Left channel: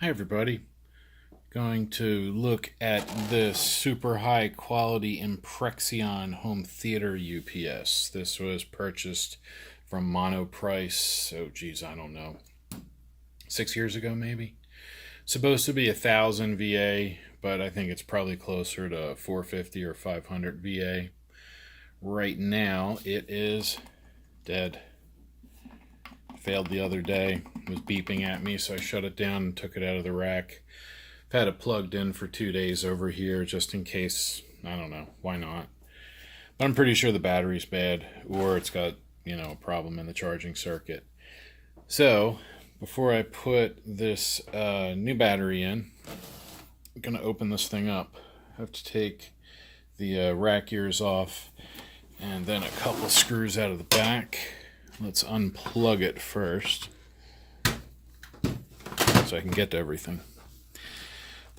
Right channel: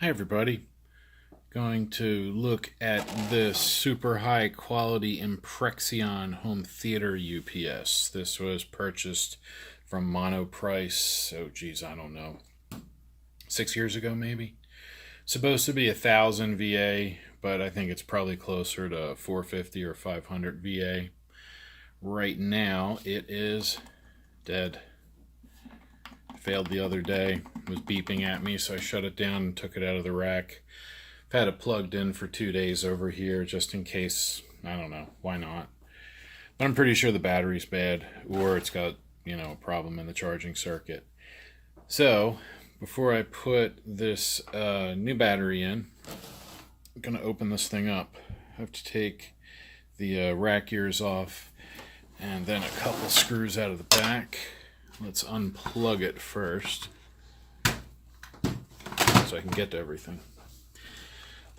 Hi everybody. Going to look at this super high quality Imprexion home theater UPS. This was purchased from Monoprice, oh geez, I don't know, 6 years ago maybe. Supposed to be 1,000 VA, but I think it's probably closer to 450 or 500 VA. Right now it is dead. Failed the other day. It was beeping at me, so I shut it down and took it out of the rack. I've had it plugged in for 2 days over here just in case. I don't know, why not? But I'm pretty sure the battery's bad, or it's got, a problem in the charging circuit. So before I put this new battery in, I'm gonna open this thing up. I have to take the rack ears off and then a couple screws out of the back. Let's unplug it first so I can get to everything.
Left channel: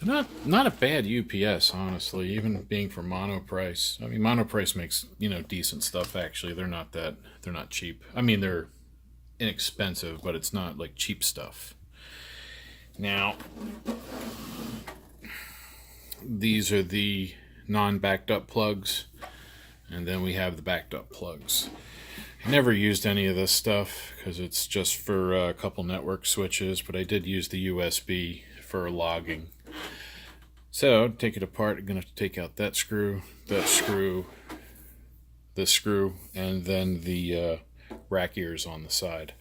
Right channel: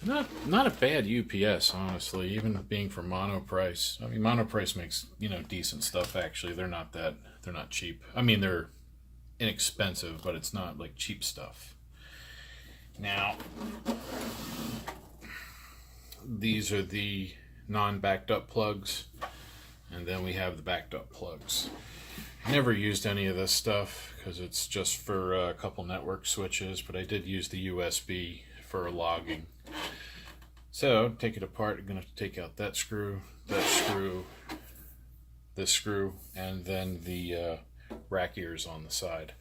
They're not a bad UPS, honestly, even being for Monoprice. I mean, Monoprice makes, decent stuff, actually. They're not cheap. I mean, they're inexpensive, but it's not like cheap stuff. Now, these are the non-backed up plugs, and then we have the backed up plugs. I never used any of this stuff because it's just for a couple network switches, but I did use the USB for logging. So, take it apart. I'm going to take out that screw, this screw, and then the rack ears on the side.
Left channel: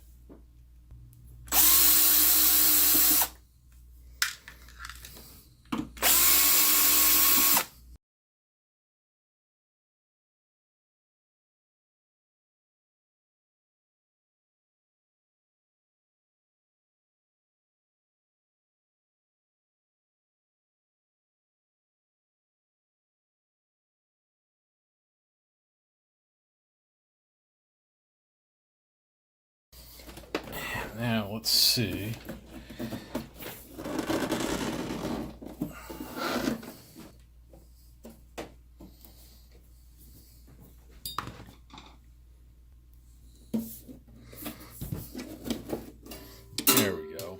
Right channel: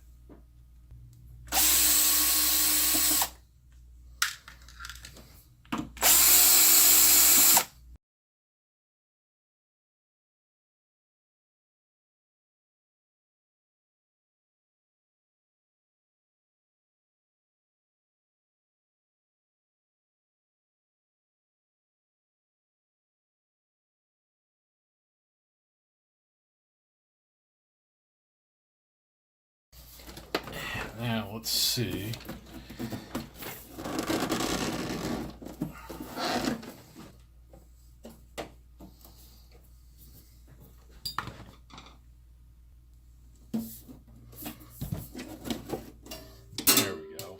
Now, let's see. There we go.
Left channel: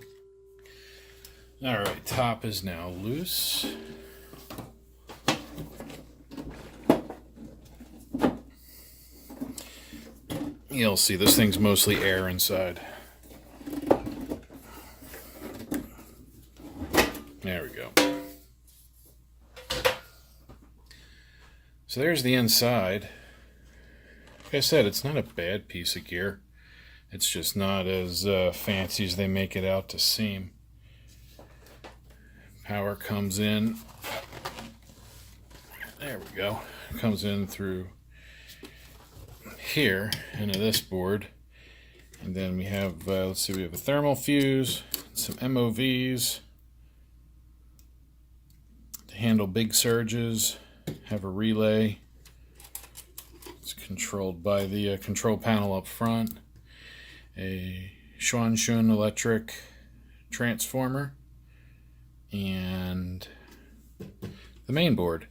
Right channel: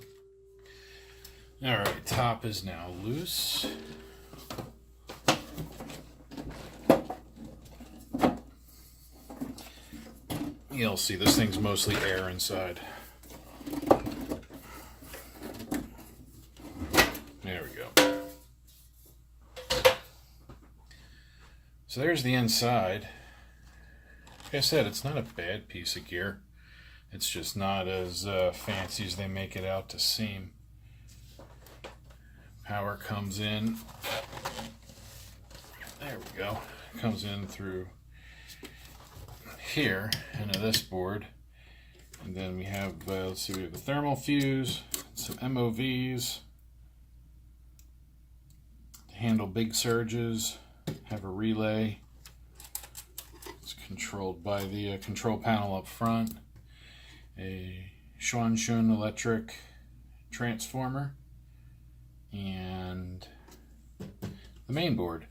Alright, top is now loose. You'll see this thing's mostly air inside. There we go. So there's the inside. Like I said, it's not a bad piece of gear. It's just not as fancy as they make it out to seem. Power comes in. There we go. It comes in through here into this board. And then we have, let's see, we have a thermal fuse, some MOVs to handle big surges, have a relay. It's controlled by the control panel up front, a Schwanshun electric transformer, and the main board.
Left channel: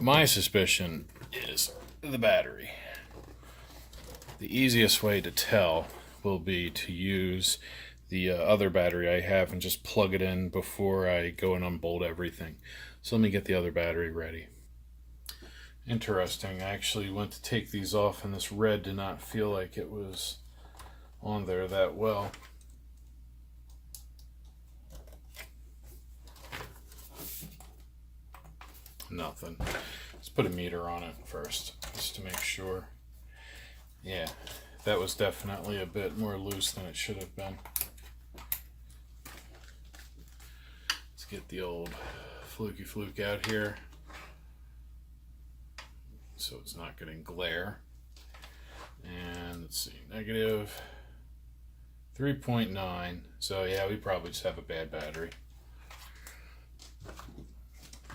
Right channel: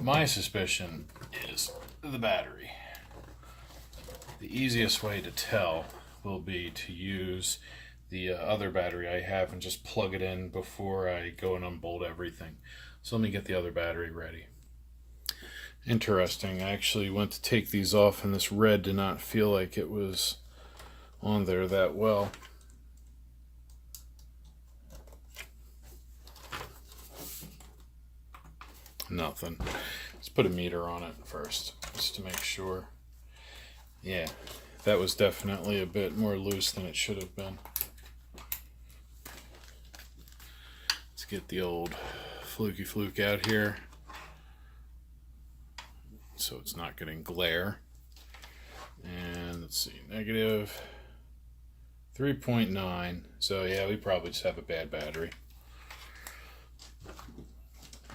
My suspicion is the battery. The easiest way to tell will be to use the other battery I have and just plug it in before I go and unbolt everything. So let me get the other battery ready. Interesting, I actually went to take these off and this red did not feel like it was on there that well. Nothing. Let's put a meter on it first, just to make sure. Yeah, that was definitely a bit more loose than it should have been. Let's get the old fluky fluke out here so it's not getting glare. And let's see, negative 3.9. So yeah, we probably just have a bad battery.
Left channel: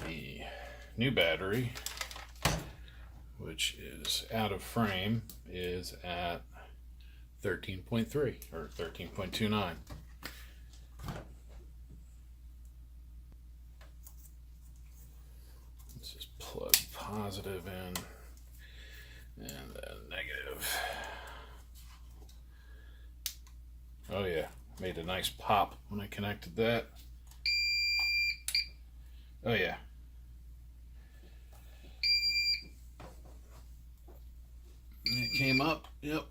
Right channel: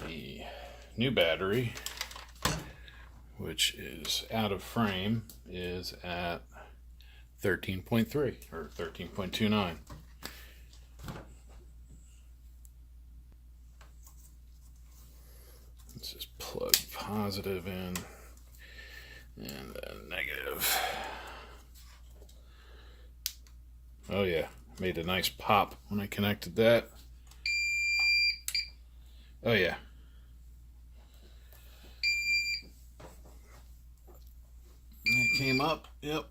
The new battery, which is out of frame, is at 13.3 or 13.29. Let's just plug positive in and then negative. Oh yeah, Made a nice pop when I connected that. Oh yeah. It came up, yep.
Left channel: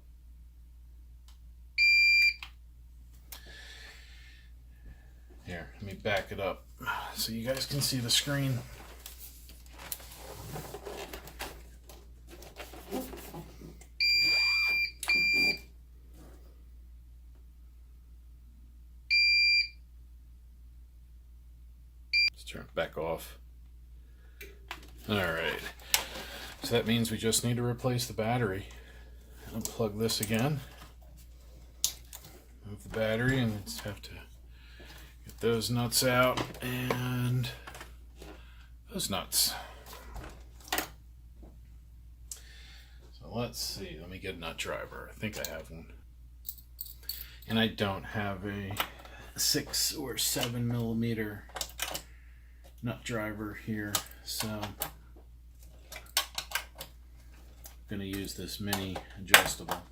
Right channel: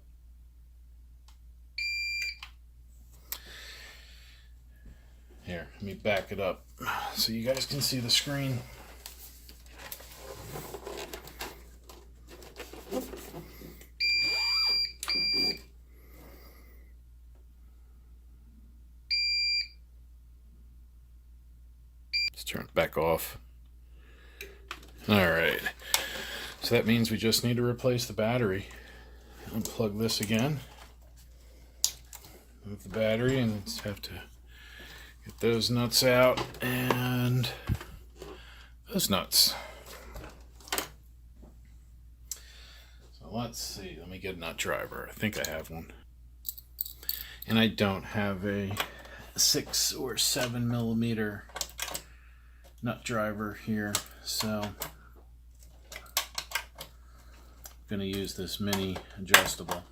Here, let me back it up so you guys can see the screen. Let's turn it back off. All right, so that means we just need to replace the battery. Unplug this again. Move the battery, and let's have to get those nuts out and those nuts. So let's see, let me get a nut driver. I think I have one. And I don't have a 6 or 7 millimeter nut driver here, so I'm going to use this mini adjustable.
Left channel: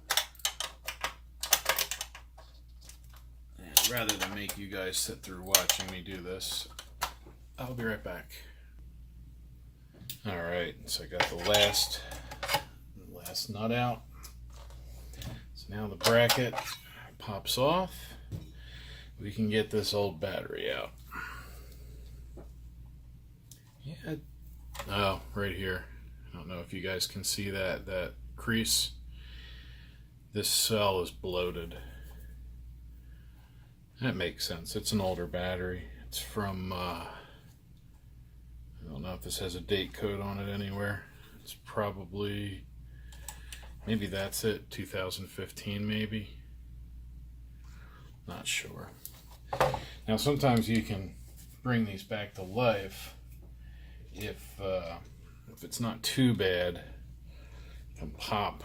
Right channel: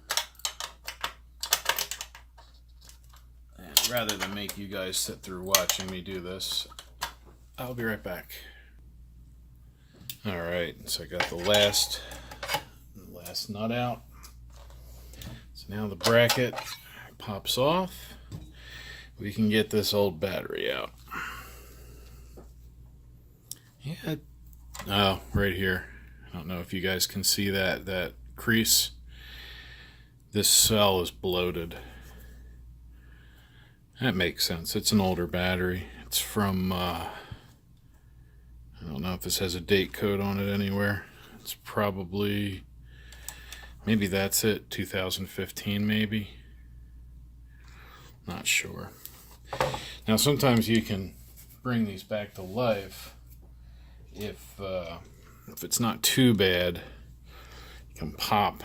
And rather than make you guys sit through watching me do this, I'll be right back. Alright, so I got the last nut out. So now the bracket pops off. We can get this old battery out. Yeah, oh, right here. I don't know if you guys can see that crease. This cell is bloated. That makes sense. It's an older battery. It's from, I don't know if this has a date code on it anywhere. It's probably, maybe that's it, 2015 maybe. Not sure. Now sometimes you can bring these back to life if it's not too bad. You can pop.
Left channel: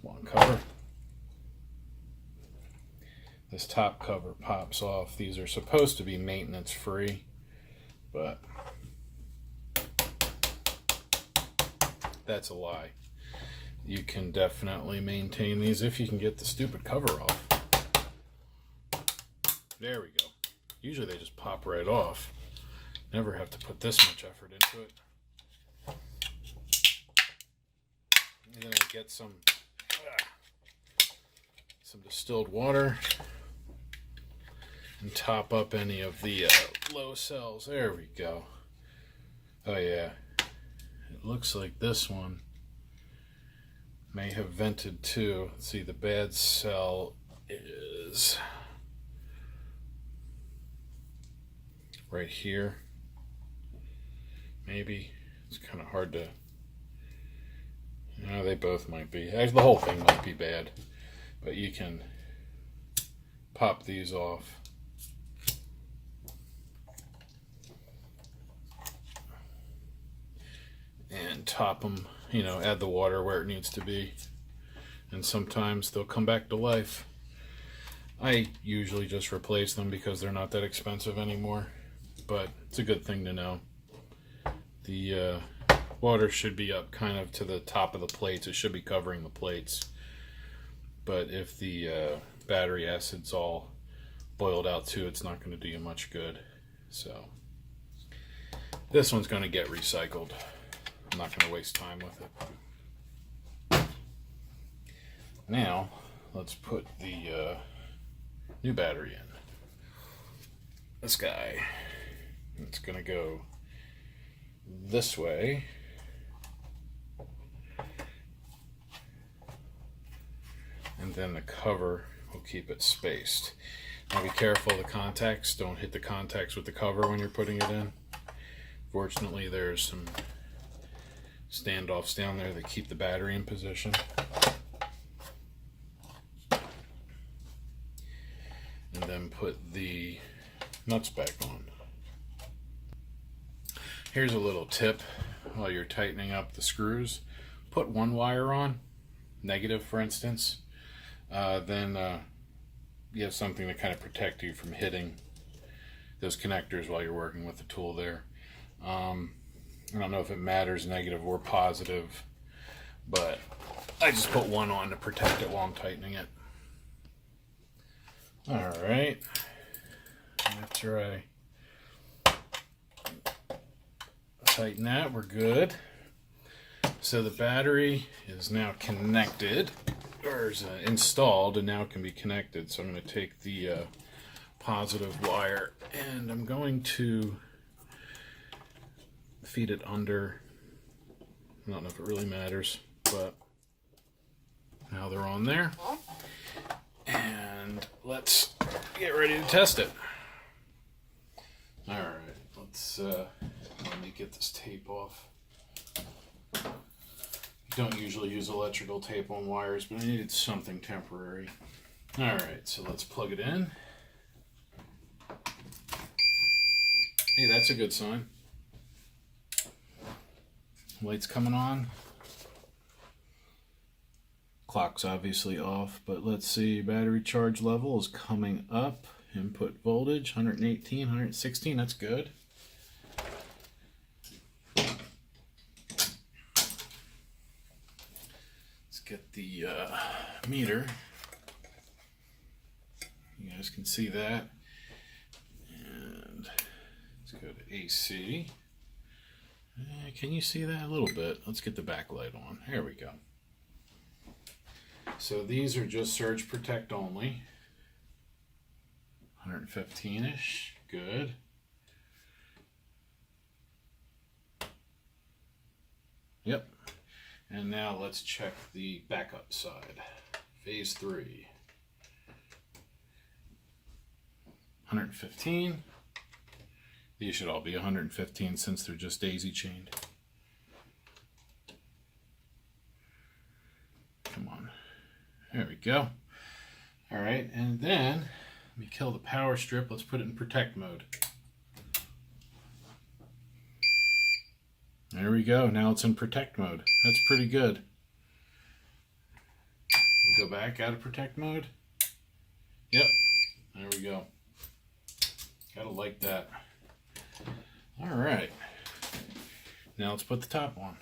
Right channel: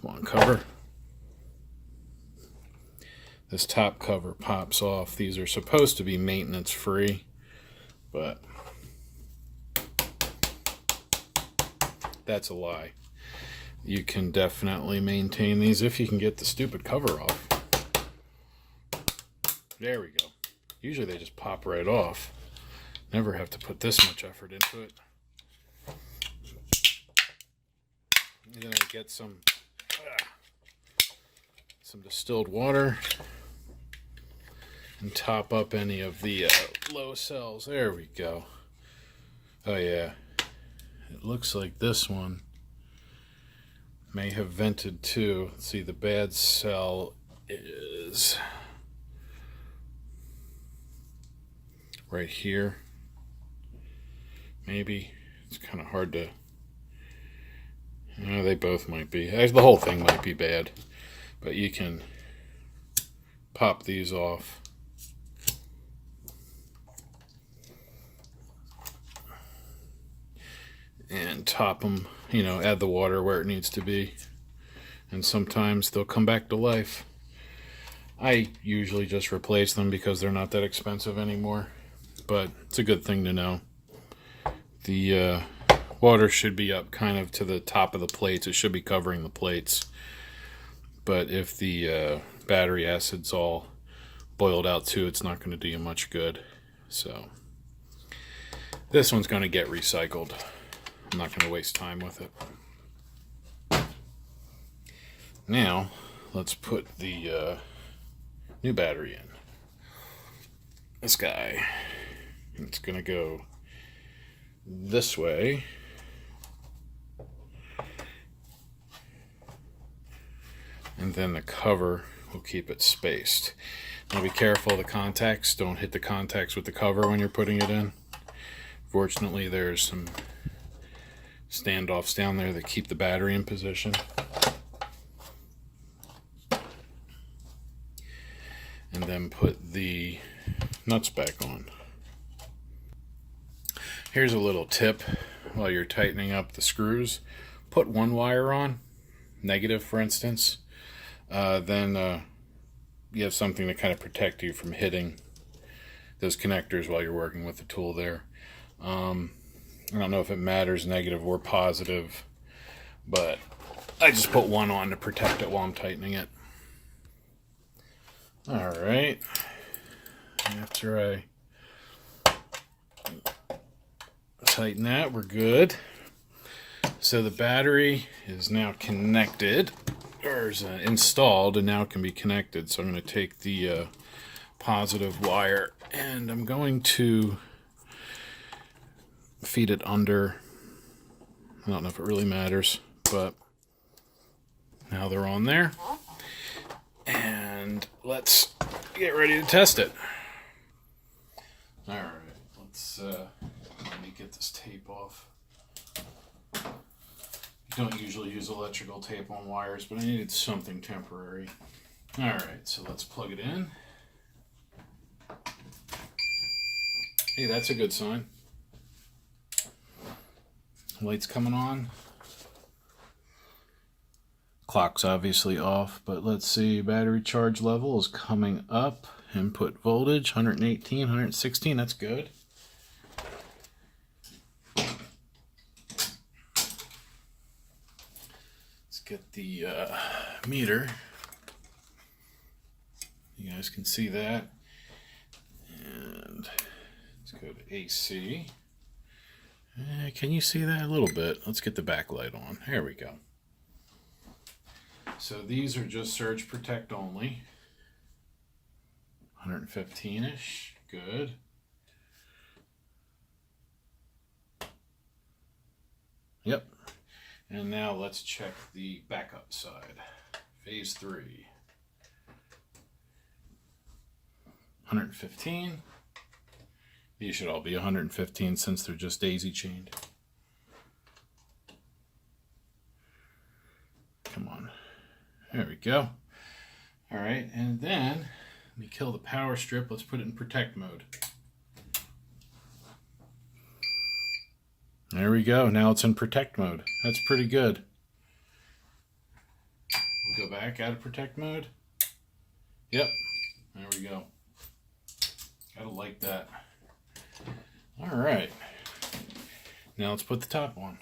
Come on, cover. This top cover pops off. These are supposed to be maintenance free, but that's a lie. You can definitely maintain these if you can get the stupid cover off. There we go. Usually they just pop right off. Never have to put this much effort into it. And then I get some distilled water and top up any of the low cells. There we go. Oh yeah. It looks like this one may have vented too. Let's see, the bad cell is right here. Maybe. It's kind of hard to... they both might be. The whole thing might be bad. But you can pop these off. And top them, add the water where it needs to be. And sometimes they'll come back to life. I usually just replace them because they're not that expensive anymore. But it's a good thing to know. The water should be up kind of to the top of the plates. It should be covering the plates. But if the battery acid's all boiled out too, it's not going to do you much good. So this one's going to get recycled. I'm not going to waste time with it. Now let's put the new battery in. This guy. It's going to go this way. And then the cover will keep it spaced. Now be careful of the contacts. Don't hit the contacts with the cover when you're putting it in. Fortunately, there's some standoffs down there that keep the battery in position. And then put the nuts back on. Here's a little tip while you're tightening up the screws. Put one wire on, negative for instance. Then you have something to kind of protect you from hitting those connectors while you're working with the tool there. I don't know if it matters negative or positive, but I just put one on to protect it while I'm tightening it. All right. After I tighten that, we're good. So the battery is now connected, or is installed, and now can be connected. So I'm going to take the positive wire and I'm going to feed it under. I don't know if it really matters, but now they're on there. And let's get ready to test it. All right, let me get this tape off. Don't usually use electrical tape on wires, but I needed something temporary. All right, so let's plug it in. Hey, that's a good sign. Light's coming on. Clock's obviously off, but let's see. Battery charge level is coming up. Input voltage 118, 116. That's good. Let's get the meter. You guys can see that. And let's go to AC. Can you see that a little bit? Let's get the backlight on. There we go. So these are just surge protect only. 115-ish. Good. Yep. And now let's check the backup side. Phase 3. 115. These should all be 115 since they're just daisy chained. Come on. There we go. All right, and then let me kill the power strip. Let's put it in protect mode. There we go. Now it's in protect mode. That's pretty good. We'll go back out of protect mode. Yep. There we go. Gotta like that. All right. Now let's put the top on.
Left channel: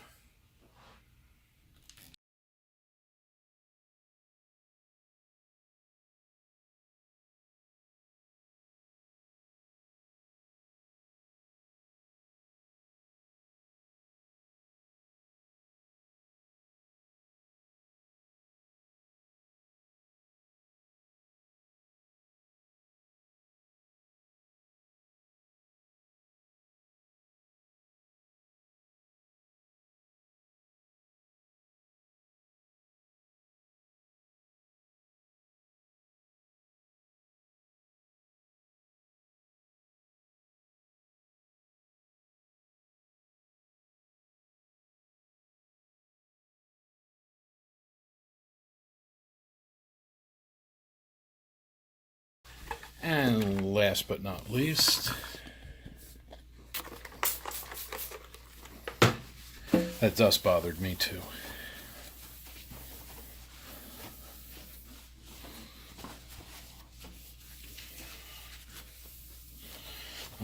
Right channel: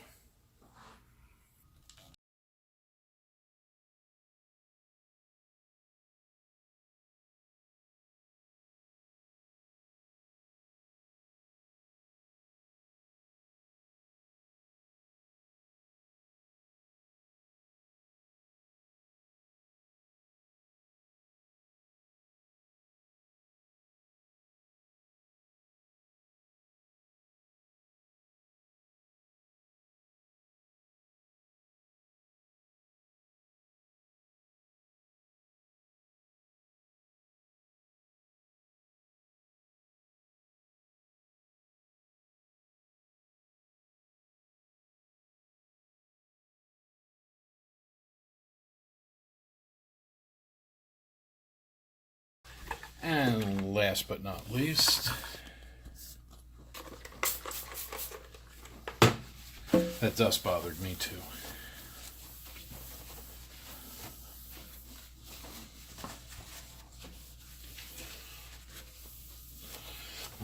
And last but not least, that dust bothered me too.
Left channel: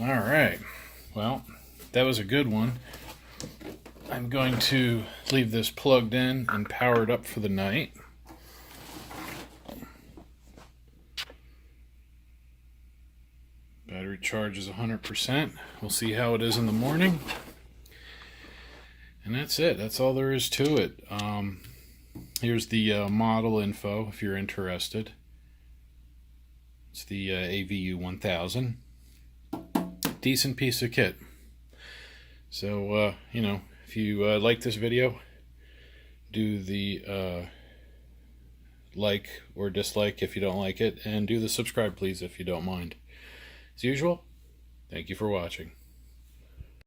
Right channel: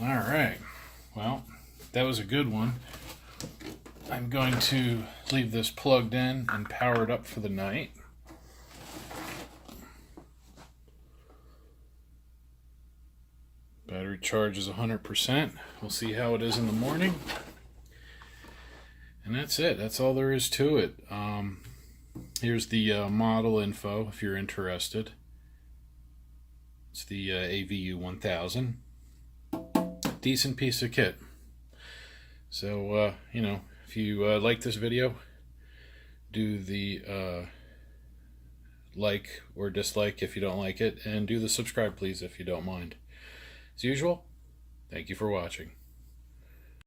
All right, well, that was a good one. I'm going to leave this plugged in and power it up for the night. Battery charge is 100%. We'll see how it is in the morning. And that's it. That's all there is to it. Here's the model info if you're interested. It's the AVU1000. Decent piece of kit. So, you know, if you like this video, do the like or dislike if you don't like it, and do the subscribe please if you don't mind. As usual, thank you for watching.